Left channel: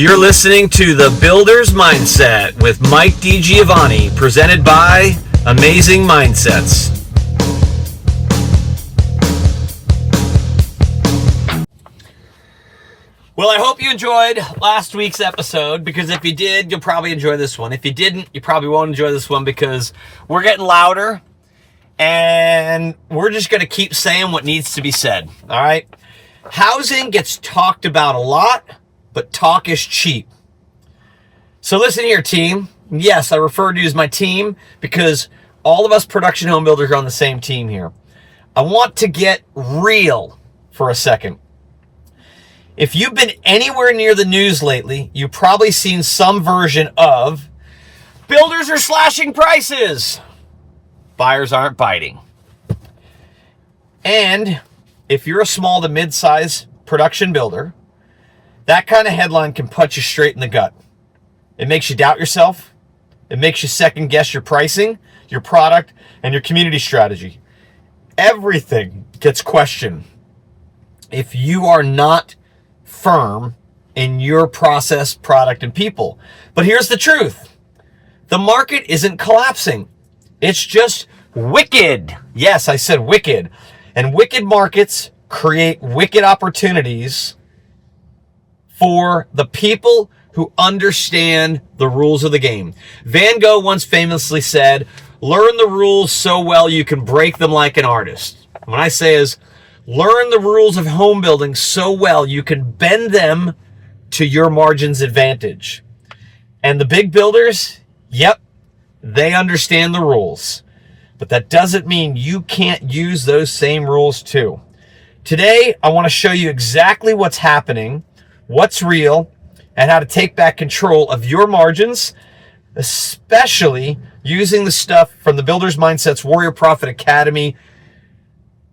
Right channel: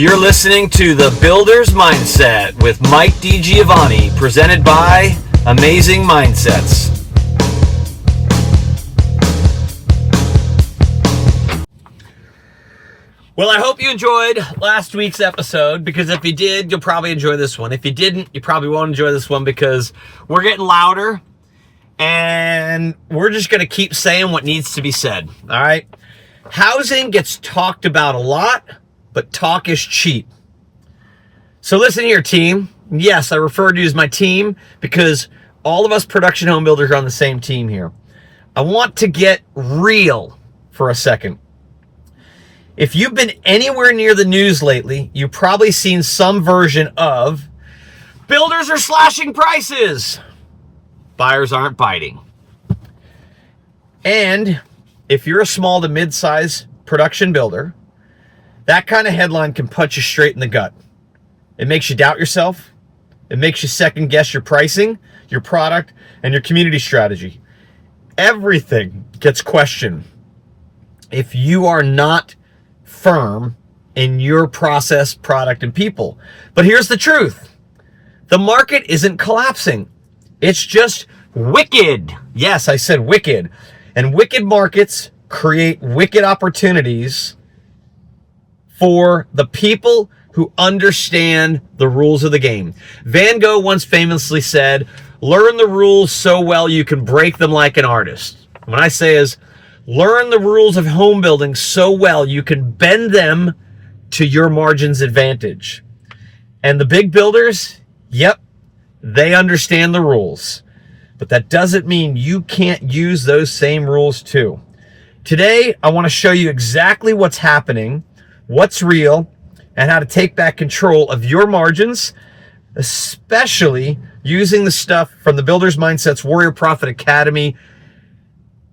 You're listening to The Builder's Mindset with Mike DiGiovanni, presented by Amazing Mindsets. Well, I hope you enjoyed last week's episode, because if you did, you'll probably enjoy this one. If you didn't, you probably won't enjoy this one, because we're getting louder and we're just going to keep saying what needs to be said. All right. Housing gets talked about a lot, but talk is cheap. So listen here, team. Yes, I refer to you as my team because all of us production home builders are on the same team here. I want to get real for a second. If you've been anywhere near the news lately, you've probably seen some version of builders are slashing prices, buyers aren't biting. And if you're a small to mid-size production builder, that kind of headline can punch you straight in the gut. It makes you doubt yourself. It makes you second guess your pricing, your product, and your community strategy. Everything gets questioned if you are not firm in your process, product, and people. But here's the truth. The market isn't collapsing. It's just wicked. Yes, I said wicked. And wicked markets create wicked opportunities for the people who understand the rules of the game. Van Gogh once famously said, learn the rules so well you can break them like an artist. What I say is, learn the rules of home building so well you can bend them to your margin's advantage. And the big builders, yep, they understand the rules. But that doesn't mean you can't use those same rules too. Today, I want to show you exactly what's happening, what's real, and how to take back control of your margins, especially using the stuff from the Builder's Mindset's Warrior Profit Academy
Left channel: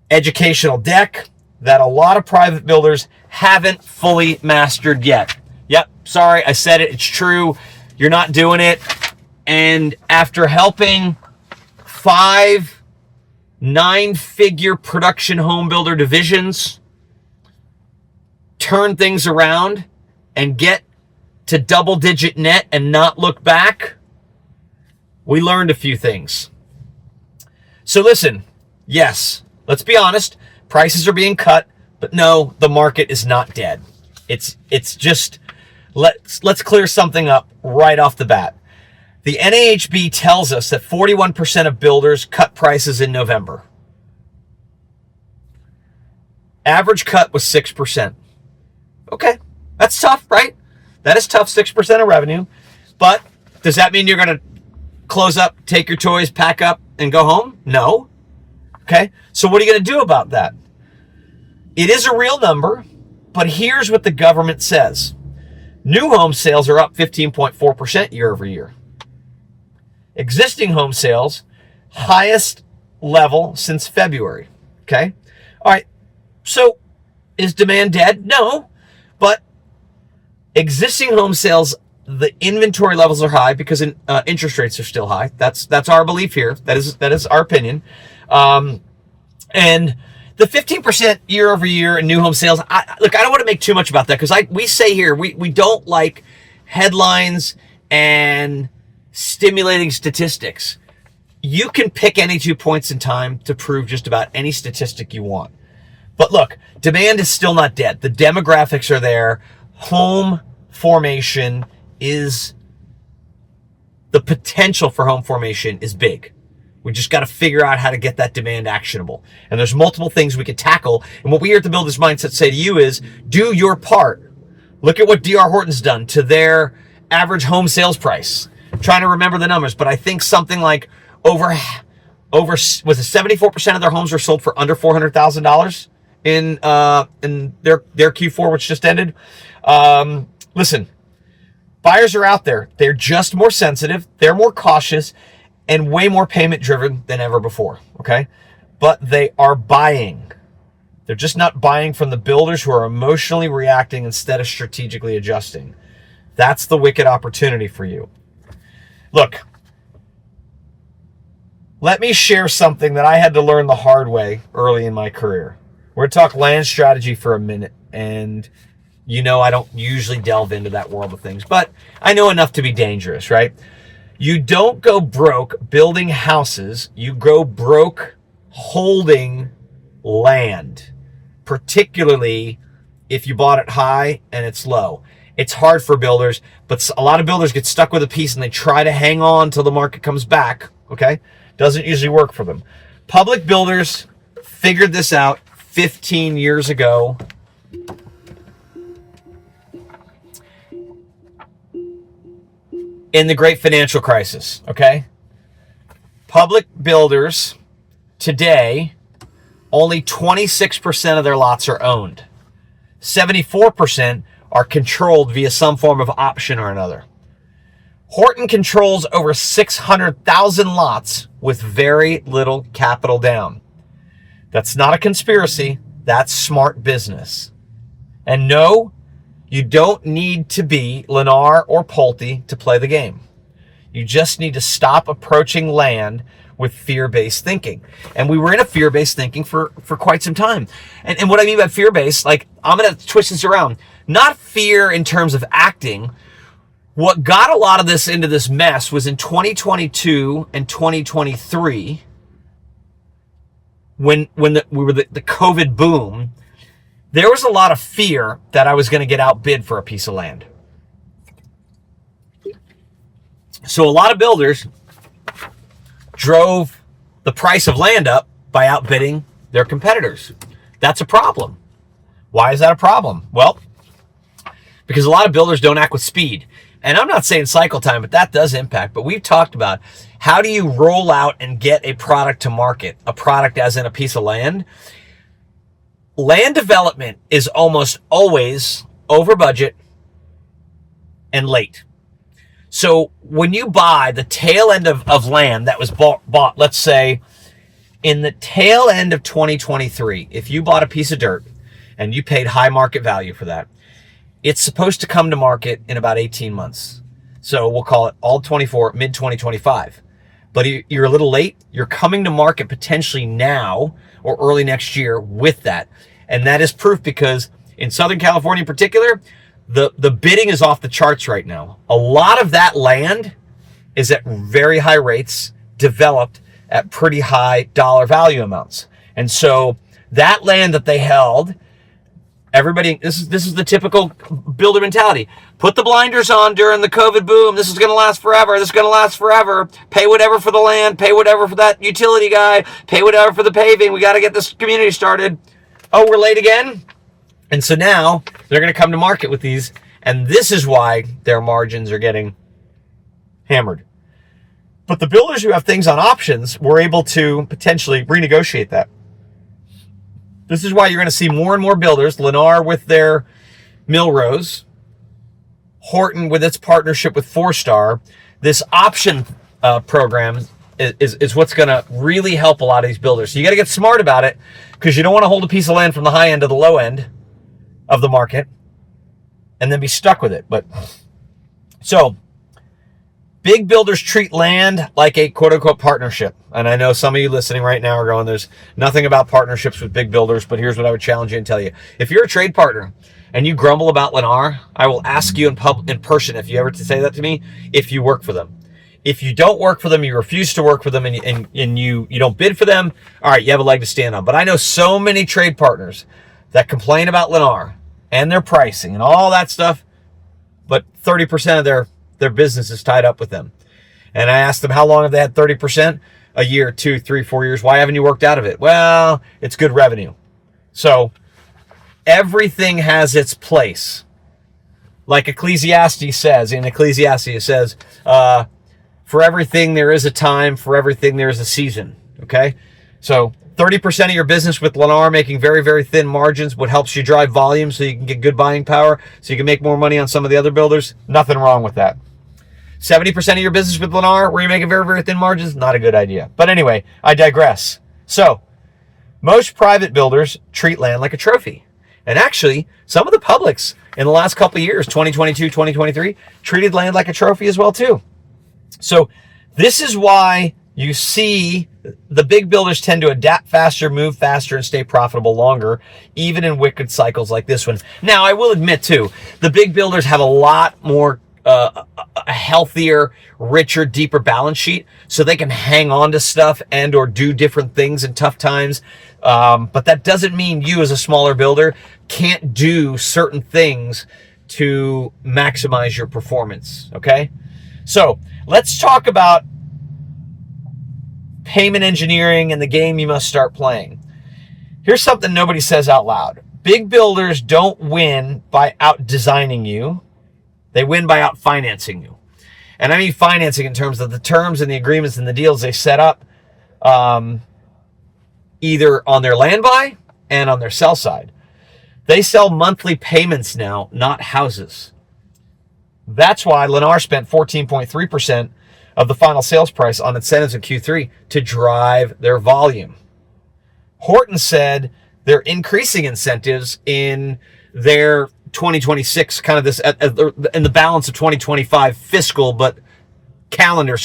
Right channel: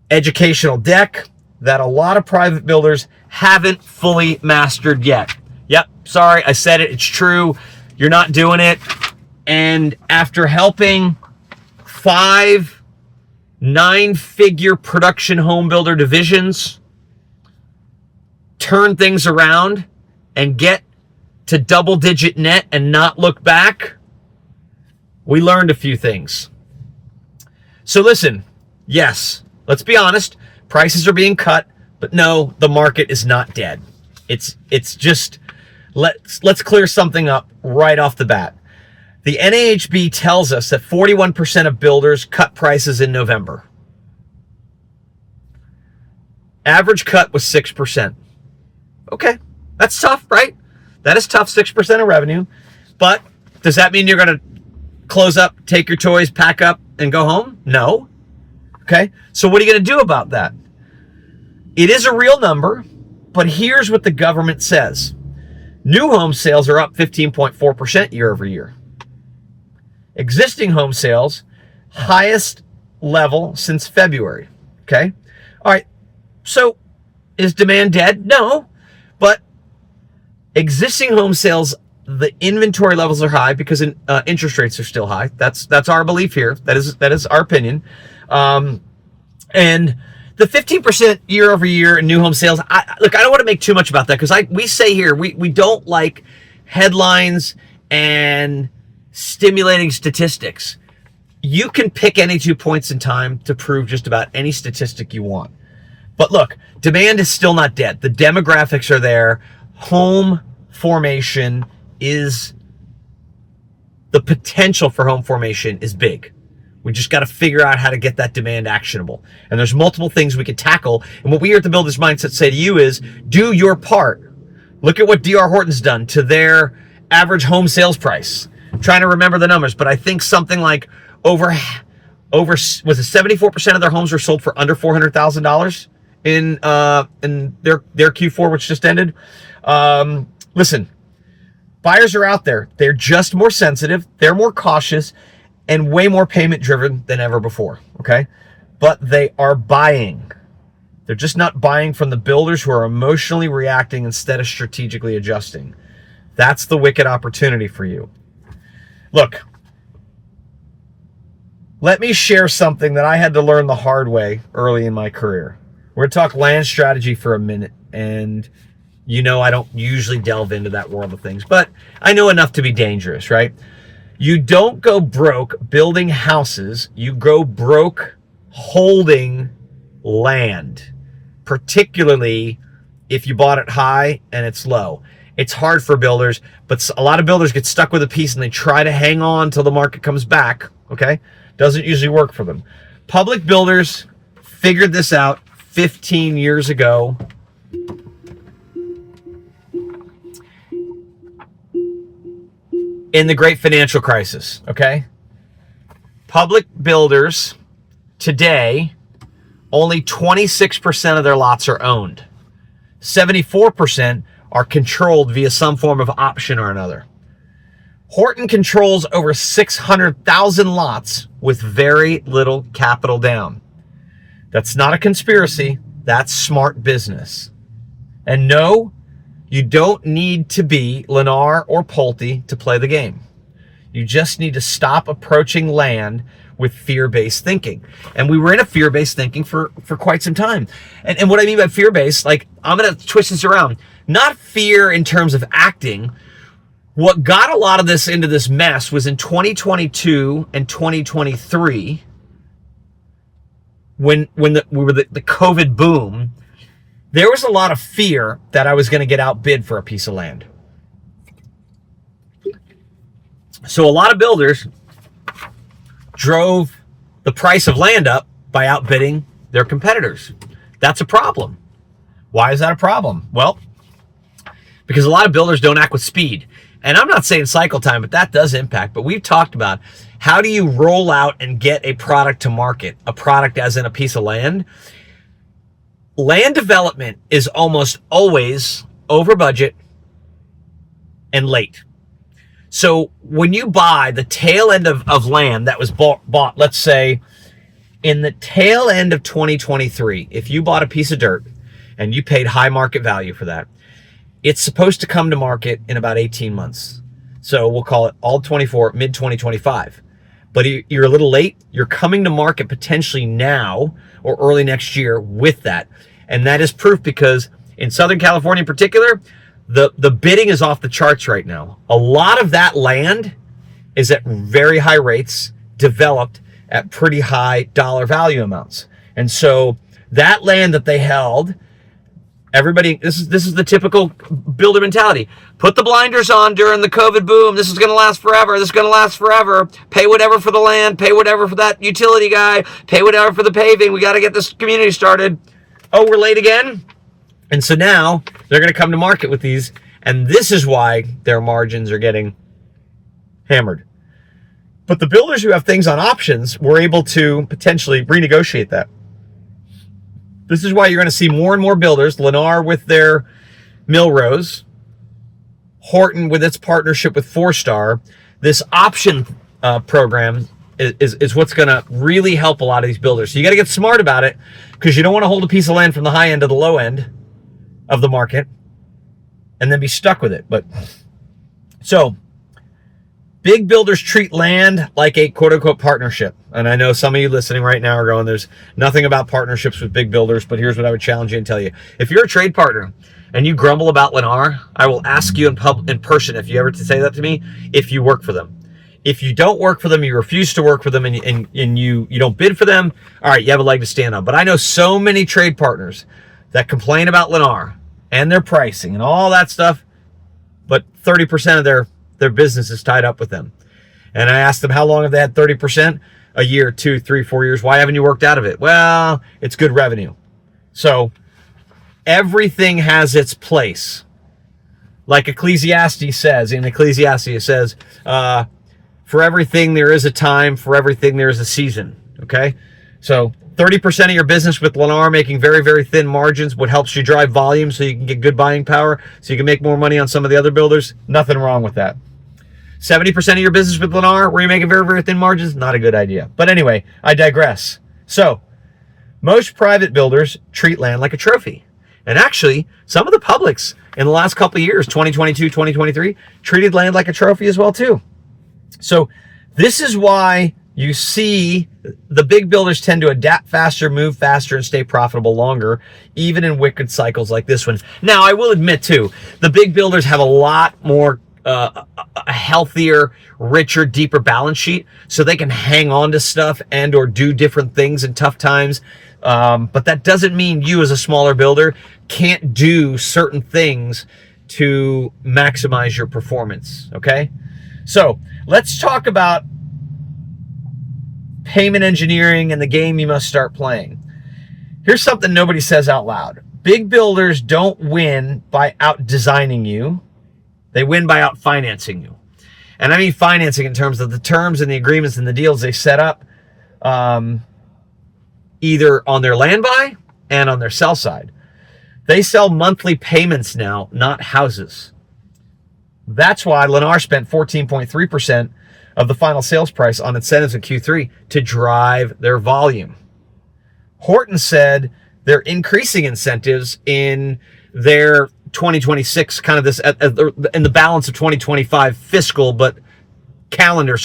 educational deck that a lot of private builders haven't fully mastered yet. Yep, sorry, I said it. It's true. You're not doing it. And after helping 5 9-figure production home builder divisions turn things around and get to double-digit net and not look back, we learned a few things. So listen, yes, let's be honest, prices are being cut, but no, the market is not dead. It's just, let's clear something up right off the bat. The NAHB tells us that 41% of builders cut prices in November. Average cut was 6%. Okay, that's tough, right? That is tough, 6% of revenue. But does that mean you're going to close up, take your toys, pack up, and go home? No. Okay, so what are you going to do about that? It is a real number, but here's what the government says. New home sales are up 15.4% year over year. Existing home sales, highest level since February. Okay, all right, so is demand dead? No, but existing home sales, the inventory levels are high because interest rates are still high. That's our belief here. That is our opinion. And the 15% year over year in new home sales, I don't want to make too much about that because we say here we don't like headlines and stimulating statistics. You can pick any 2 points in time to prove just about any statistic you want. But look, demand is still not dead. The demographics are there. Home formation is, the potential for home formation is big. We just got to figure out how to get that demand actionable. And there's multiple things we could tackle. And what we here at the Builder's Mindset say to you is, do your part. Look at what D.R. Horton's done to their average home sales price. I'm trying to remember the numbers, but I think something like over was it 74% of their homes were sold for under $400,000 in their Q4, which just ended. Listen, buyers are out there. They're just more sensitive. They're more cautious and way more payment driven than ever before. Okay. But they are buying. They're just not buying from the builders who are emotionally reacting instead of strategically adjusting. That's the wicked opportunity for you. Look, let me share something that I had to learn the hard way early in my career. We're going to talk land strategy for a minute. And You know, I don't usually delve into that world of things, but I know enough to be dangerous, right? You don't go broke building houses. You go broke holding land, particularly if you bought it high and it's low. It's hard for builders, but a lot of builders get stuck with a piece and they try to hang on till the market comes back, okay? Doesn't usually work for them. Public builders figured this out 15 years ago. In the great financial crisis, okay? Public builders today, only 26% of their lots are owned. 74% are controlled via some form of option or another. Horton controls over 600,000 lots with very little capital down. That's not a conspiracy. That's smart business. And no, you don't need to be Lennar or Pulte to play the game. You just need to stop approaching land with fear-based thinking. And we were in a fear-based thinking for quite some time. And what I mean by fear-based, like, I'm going to twist this around. Not fear in terms of acting. What got a lot of this into this mess was in 2022 and 2023, when we were the COVID boom, there was a lot of fear that I was going to get outbid for a piece of land. So a lot of builders drove the price of land up by outbidding their competitors. That's a problem. Why is that a problem? Well, because a lot of builders don't act with speed. And I'm not saying cycle time, but that does impact. But we've talked about how do you roll out and get a product to market, a product as in a piece of land. Land development is almost always over budget and late. So when you buy the tail end of land that was bought, let's say in the tail end of 2023, if you bought a piece of dirt and you paid high market value for that, it's supposed to come to market in about 18 months. So we'll call it all 24, mid 2025. But you're a little late. You're coming to market potentially now or early next year with that. And that is proof because in Southern California in particular, the bidding is off the charts right now. A lot of that land is at very high rates, developed at pretty high dollar value amounts. And so that land that they held, everybody, this is the typical builder mentality. Put the blinders on during the COVID boom. This is going to last forever. This is going to last forever. Pay whatever for the land. Pay whatever for that utility guy. Pay whatever for the paving. We got to get this community started. Oh, we're late again? And so now they're going to come to market with these. And this is why their margins are getting hammered. But the builders who have things on options were able to potentially renegotiate that. This is why you're going to see more and more builders, Lennar with their Millrose, Horton with its partnership with Forestar. This option program is what's going to really help a lot of these builders. So you got to get smart about it because you don't want to hold a piece of land from the high end to the low end of the market and then be stuck with it. But so big builders treat land like a quote unquote partnership. And I know some of you listening right now are going, there's nothing about partnerships with big builders, but here's what I would challenge you and tell you. If you're a trade partner and you grumble about Lennar, I will ask you in person, if you ever to say that to me, if you work for them. If you don't work for them, you refuse to work for them and you don't bid for them, all right, you have a leg to stand on. But I know so many trade partners that complain about Lennar and their pricing and all that stuff, but 30% of their business is tied up with them. And I asked them, how long have they had 30%? A year, 2, 3, 4 years. Why haven't you worked out of it? Well, it's good revenue. So everything has its place. Like Ecclesiastes says, it says, for everything there is a time, for everything there is a season. Okay? So 30% of your business with Lennar making very, very thin margins, what helps you drive volume so you can get good buying power, so you can make more money on some of the other builders. Nothing wrong with that. 70% of your business with Lennar where you're making very, very thin margins, not a good idea. But anyway, I digress. So most private builders treat land like a trophy. And actually, some of the publics in the last couple of years, 2022, 2023, treated land like a trophy as well too. So this is why you see the big builders tend to adapt faster, move faster, and stay profitable longer, even in wicked cycles like this one. Now, I will admit, too, the big builders have a lot more, a healthier, richer, deeper balance sheet, so they can hang on to stuff and or do different things in tough times. But that doesn't mean you as a smaller builder can't do certain things to maximize your performance, okay? So let's talk about payment engineering and the game you must start playing. Here's something nobody says out loud. Big builders don't win by out-designing you. They win by out-financing you. And I mean financing in terms of the terms and the agreements and the deals they set up, either on their land buy and on their sell side. They sell monthly payments now, not houses. That's why Lennar spent 14.3% of the final sales price on incentives in Q3 to drive their volume. Horton said they're increasing incentives in their 2026, kind of this, in the balance of 2025 fiscal, but calendar,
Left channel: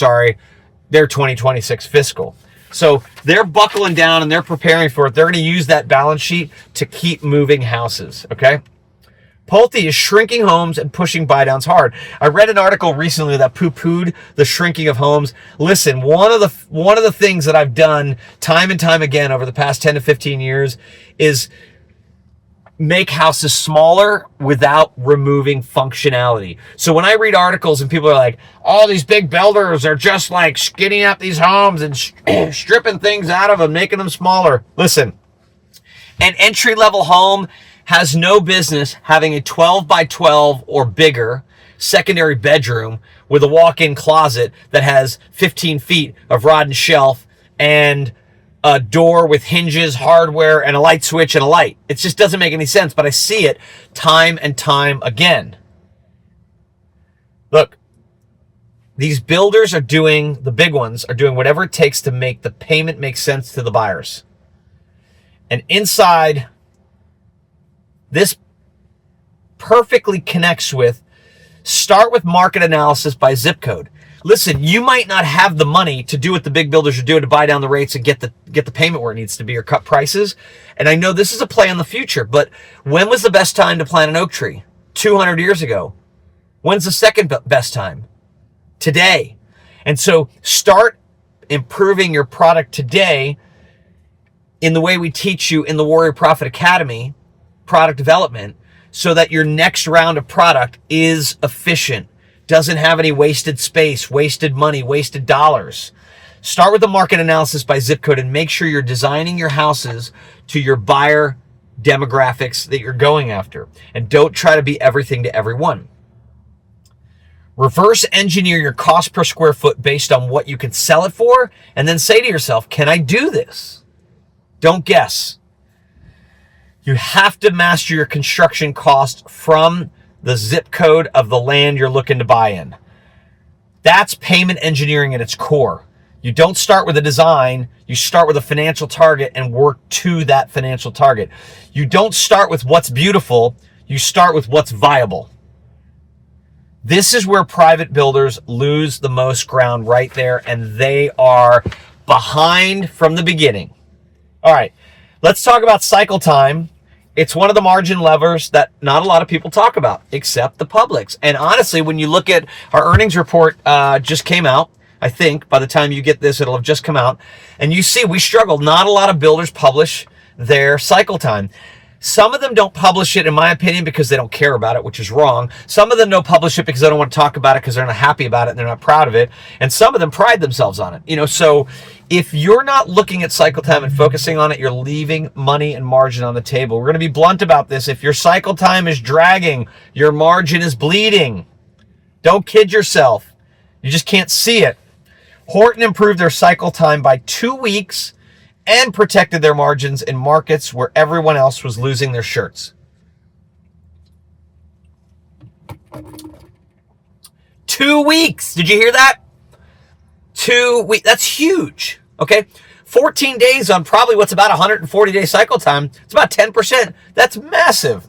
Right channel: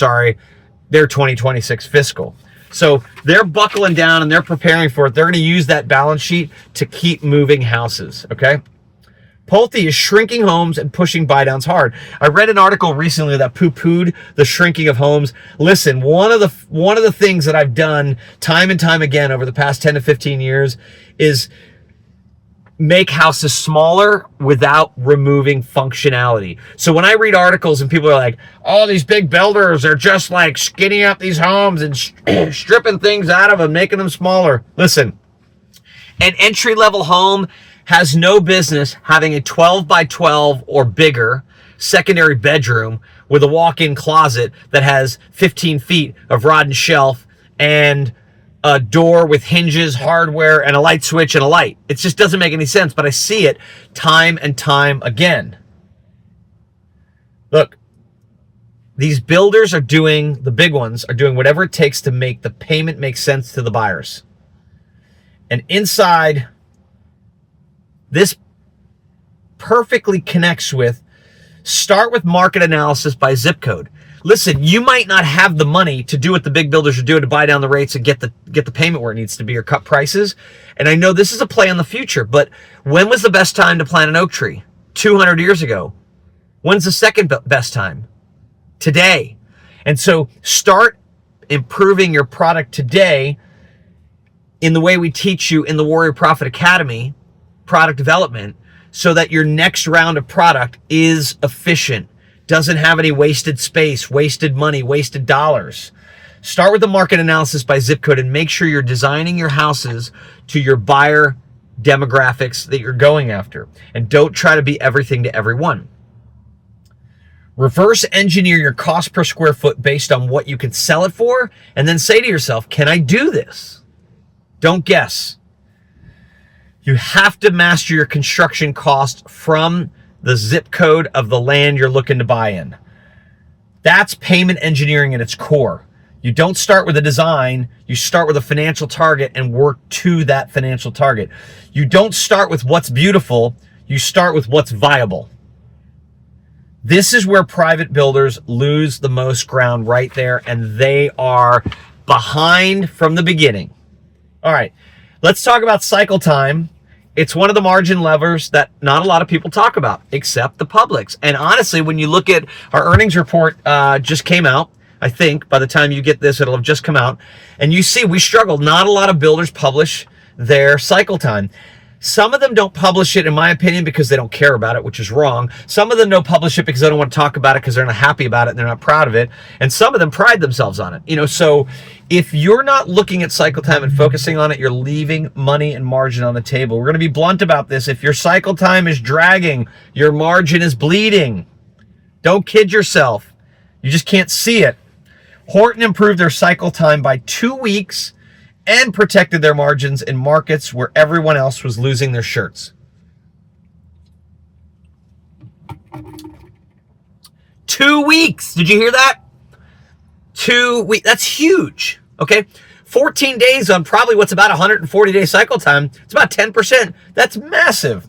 their 2026 fiscal. So they're buckling down and they're preparing for it. They're going to use that balance sheet to keep moving houses, okay? Pulte is shrinking homes and pushing buy-downs hard. I read an article recently that poo-pooed the shrinking of homes. Listen, one of the things that I've done time and time again over the past 10 to 15 years is make houses smaller without removing functionality. So when I read articles and people are like, oh, these big builders are just like skinning up these homes and stripping things out of them, making them smaller. Listen, an entry-level home has no business having a 12 by 12 or bigger secondary bedroom with a walk-in closet that has 15 feet of rod and shelf and a door with hinges, hardware, and a light switch and a light. It just doesn't make any sense, but I see it time and time again. Look, these builders are doing, the big ones are doing whatever it takes to make the payment make sense to the buyers. And inside, this perfectly connects with, start with market analysis by zip code. Listen, you might not have the money to do what the big builders are doing to buy down the rates and get the payment where it needs to be or cut prices. And I know this is a play on the future, but when was the best time to plant an oak tree? 200 years ago. When's the second best time? Today. And so start improving your product today in the way we teach you in the Warrior Profit Academy, product development, so that your next round of product is efficient, doesn't have any wasted space, wasted money, wasted dollars. Start with the market analysis by zip code and make sure you're designing your houses to your buyer demographics that you're going after. And don't try to be everything to everyone. Reverse engineer your cost per square foot based on what you can sell it for, and then say to yourself, can I do this? Don't guess. You have to master your construction cost from the zip code of the land you're looking to buy in. That's payment engineering at its core. You don't start with a design, you start with a financial target and work to that financial target. You don't start with what's beautiful, you start with what's viable. This is where private builders lose the most ground right there, and they are behind from the beginning. All right, let's talk about cycle time. It's one of the margin levers that not a lot of people talk about, except the publics. And honestly, when you look at our earnings report, just came out. I think by the time you get this, it'll have just come out. And you see, we struggled. Not a lot of builders publish their cycle time. Some of them don't publish it, in my opinion, because they don't care about it, which is wrong. Some of them don't publish it because they don't want to talk about it because they're not happy about it and they're not proud of it. And some of them pride themselves on it. So if you're not looking at cycle time and focusing on it, you're leaving money and margin on the table. We're going to be blunt about this. If your cycle time is dragging, your margin is bleeding. Don't kid yourself. You just can't see it. Horton improved their cycle time by 2 weeks and protected their margins in markets where everyone else was losing their shirts. 2 weeks. Did you hear that? 2 weeks. That's huge. Okay. 14 days on probably what's about 140-day cycle time. It's about 10%. That's massive.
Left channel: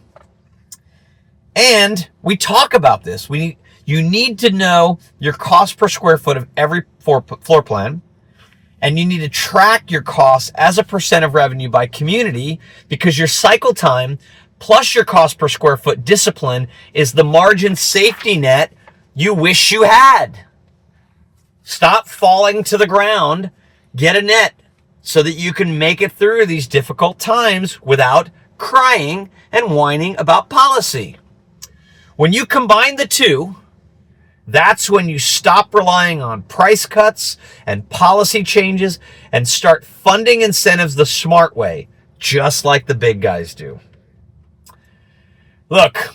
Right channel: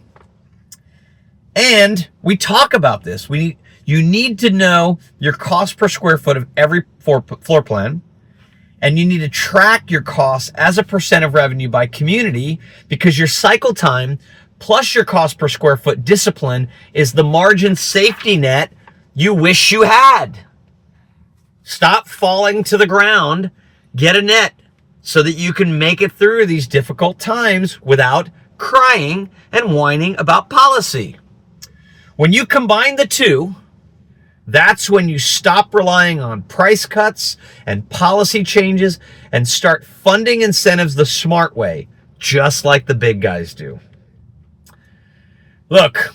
And we talk about this. You need to know your cost per square foot of every floor plan. And you need to track your costs as a percent of revenue by community, because your cycle time plus your cost per square foot discipline is the margin safety net you wish you had. Stop falling to the ground. Get a net so that you can make it through these difficult times without crying and whining about policy. When you combine the two, that's when you stop relying on price cuts and policy changes and start funding incentives the smart way, just like the big guys do. Look,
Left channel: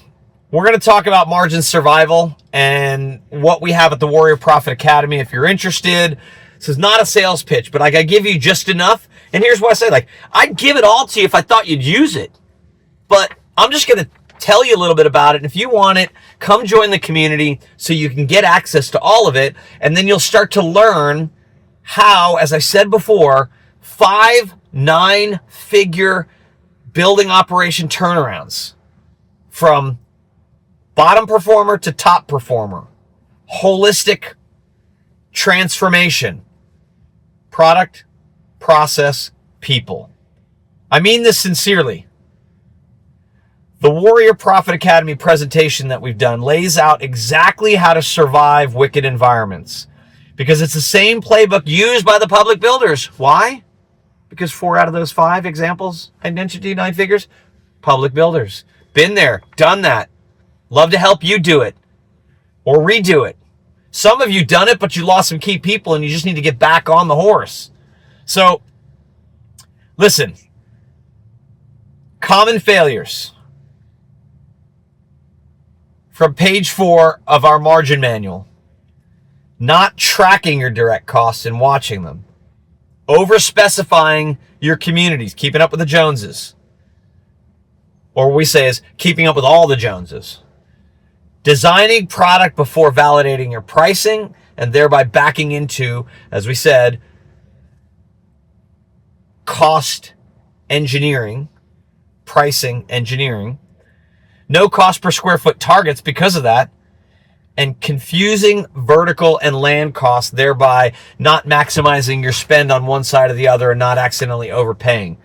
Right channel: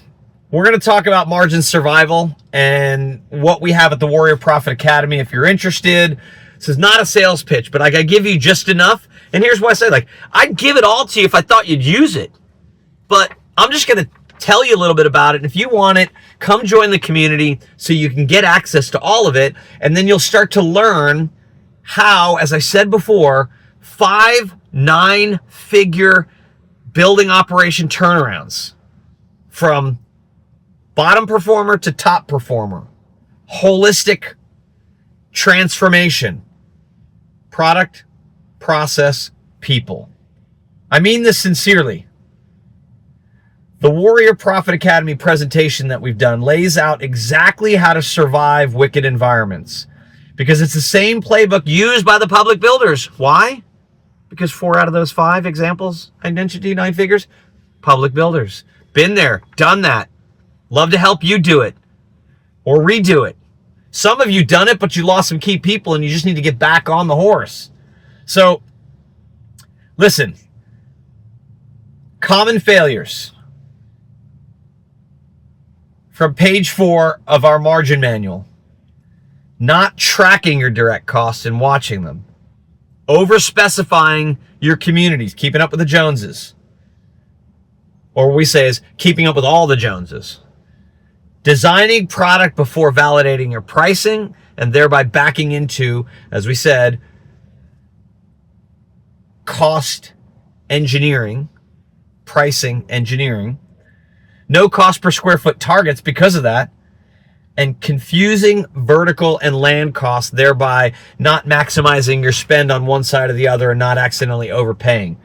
we're going to talk about margin survival and what we have at the Warrior Profit Academy. If you're interested, this is not a sales pitch, but I got to give you just enough. And here's what I say, I'd give it all to you if I thought you'd use it, but I'm just going to tell you a little bit about it. And if you want it, come join the community so you can get access to all of it. And then you'll start to learn how, as I said before, 5 9-figure building operation turnarounds from bottom performer to top performer, holistic transformation, product, process, people. I mean this sincerely. The Warrior Profit Academy presentation that we've done lays out exactly how to survive wicked environments, because it's the same playbook used by the public builders. Why? Because 4 out of those 5 examples I mentioned to you, 9 figures, public builders. Been there, done that. Love to help you do it or redo it. Some of you done it, but you lost some key people and you just need to get back on the horse. So listen, common failures. From page 4 of our margin manual, not tracking your direct costs and watching them, over-specifying your communities, keeping up with the Joneses, or what we say is keeping up with all the Joneses, designing product before validating your pricing, and thereby backing into, as we said, cost engineering, pricing engineering, no cost per square foot targets because of that, and confusing vertical and land costs, thereby not maximizing your spend on one side or the other and not accidentally overpaying.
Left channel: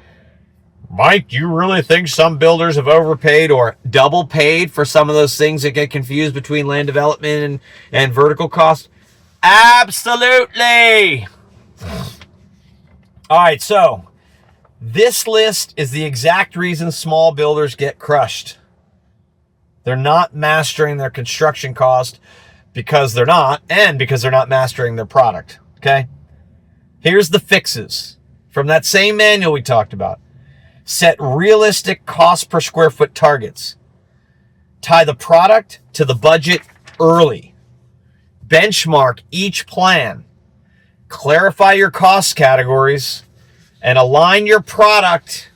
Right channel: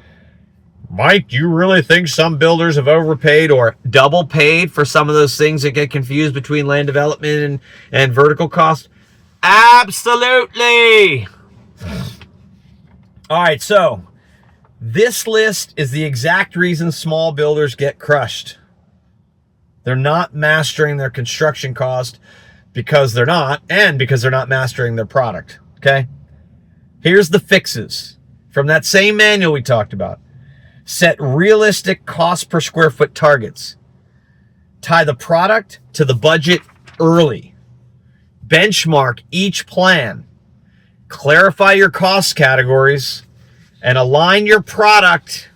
Mike, do you really think some builders have overpaid or double paid for some of those things that get confused between land development and vertical cost? Absolutely. All right, so this list is the exact reason small builders get crushed. They're not mastering their construction cost because they're not, and because they're not mastering their product, okay? Here's the fixes from that same manual we talked about. Set realistic cost per square foot targets. Tie the product to the budget early. Benchmark each plan. Clarify your cost categories and align your product,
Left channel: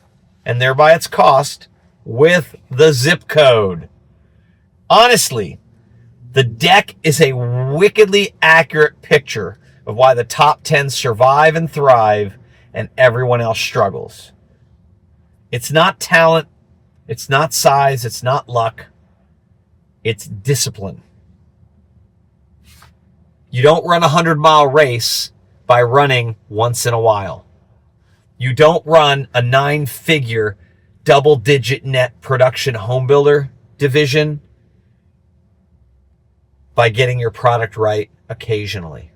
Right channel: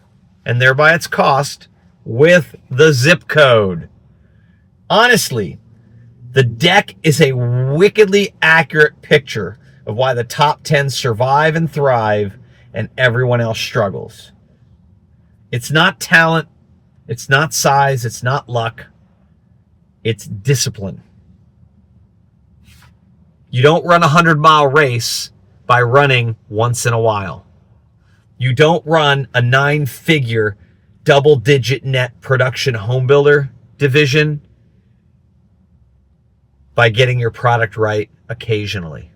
and thereby its cost, with the zip code. Honestly, the deck is a wickedly accurate picture of why the top 10 survive and thrive and everyone else struggles. It's not talent, it's not size, it's not luck, it's discipline. You don't run a 100-mile race by running once in a while. You don't run a 9-figure, double-digit net production home builder division by getting your product right occasionally.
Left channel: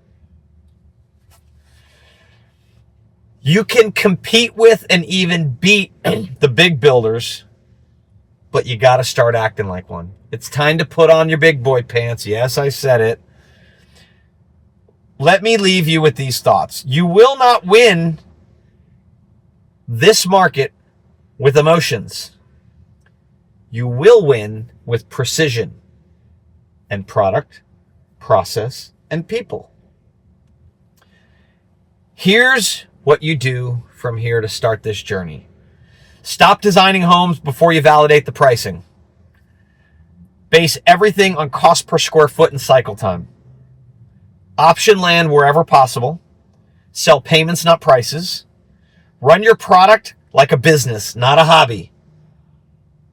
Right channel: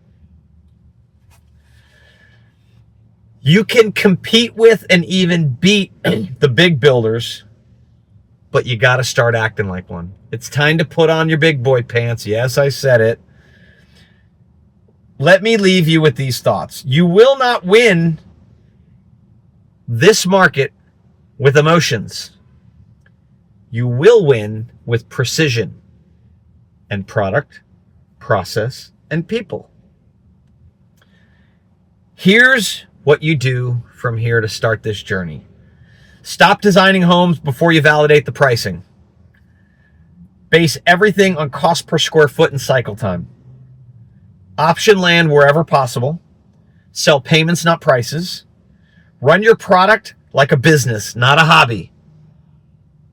You can compete with and even beat the big builders, but you got to start acting like one. It's time to put on your big boy pants. Yes, I said it. Let me leave you with these thoughts. You will not win this market with emotions. You will win with precision and product, process, and people. Here's what you do from here to start this journey. Stop designing homes before you validate the pricing. Base everything on cost per square foot and cycle time. Option land wherever possible. Sell payments, not prices. Run your product like a business, not a hobby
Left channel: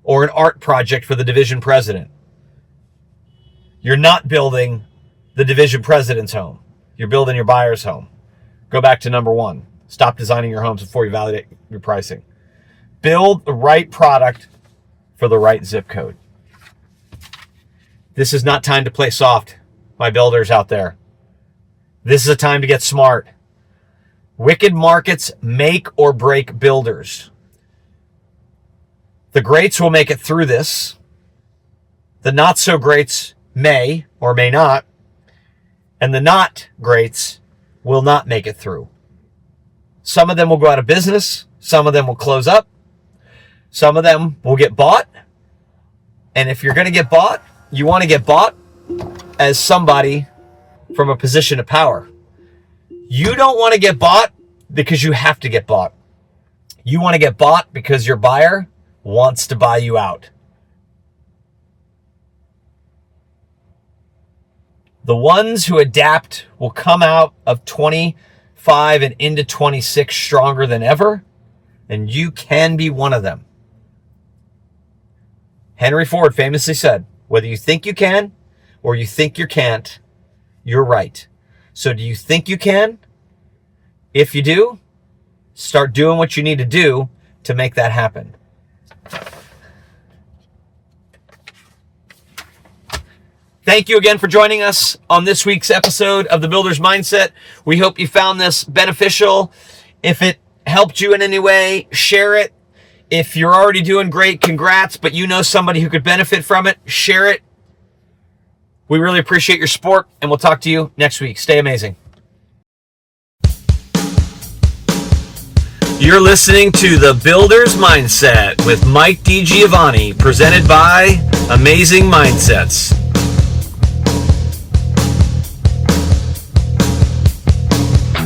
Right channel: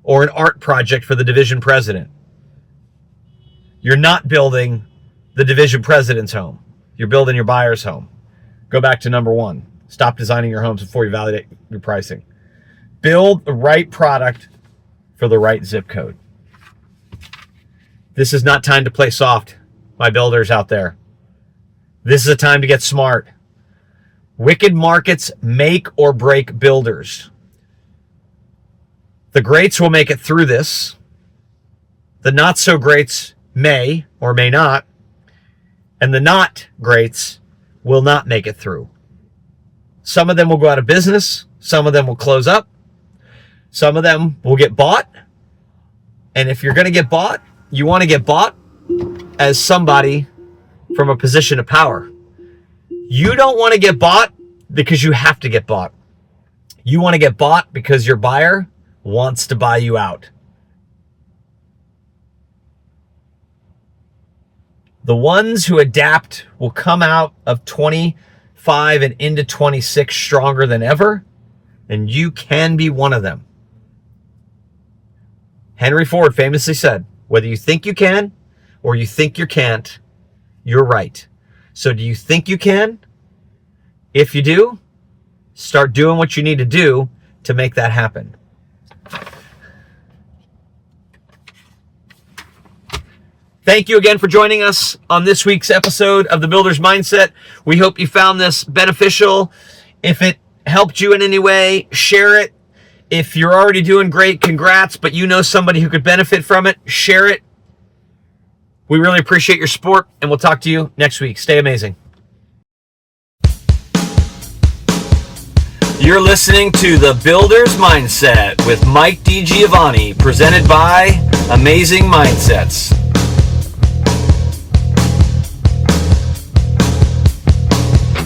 or an art project for the division president. You're not building the division president's home. You're building your buyer's home. Go back to number one. Stop designing your homes before you validate your pricing. Build the right product for the right zip code. This is not time to play soft, my builders out there. This is a time to get smart. Wicked markets make or break builders. The greats will make it through this. The not so greats may or may not. And the not greats will not make it through. Some of them will go out of business. Some of them will close up. Some of them will get bought. And if you're going to get bought, you want to get bought as somebody from a position of power. You don't want to get bought because you have to get bought. You want to get bought because your buyer wants to buy you out. The ones who adapt will come out of 25 and into 26 stronger than ever, and you can be one of them. Henry Ford famously said, whether you think you can or you think you can't, you're right. So do you think you can? If you do, start doing what you need to do to make that happen. Thank you again for joining us on this week's episode of The Builder's Mindset. We hope you found this beneficial. If it helped you in any way, share it. If you're already doing great, congrats, but you know somebody who could benefit from it, share it. We really appreciate your support, and we'll talk to you next week. Stay amazing. You're listening to The Builder's Mindset with Mike DiGiovanni, presented by Amazing Mindsets.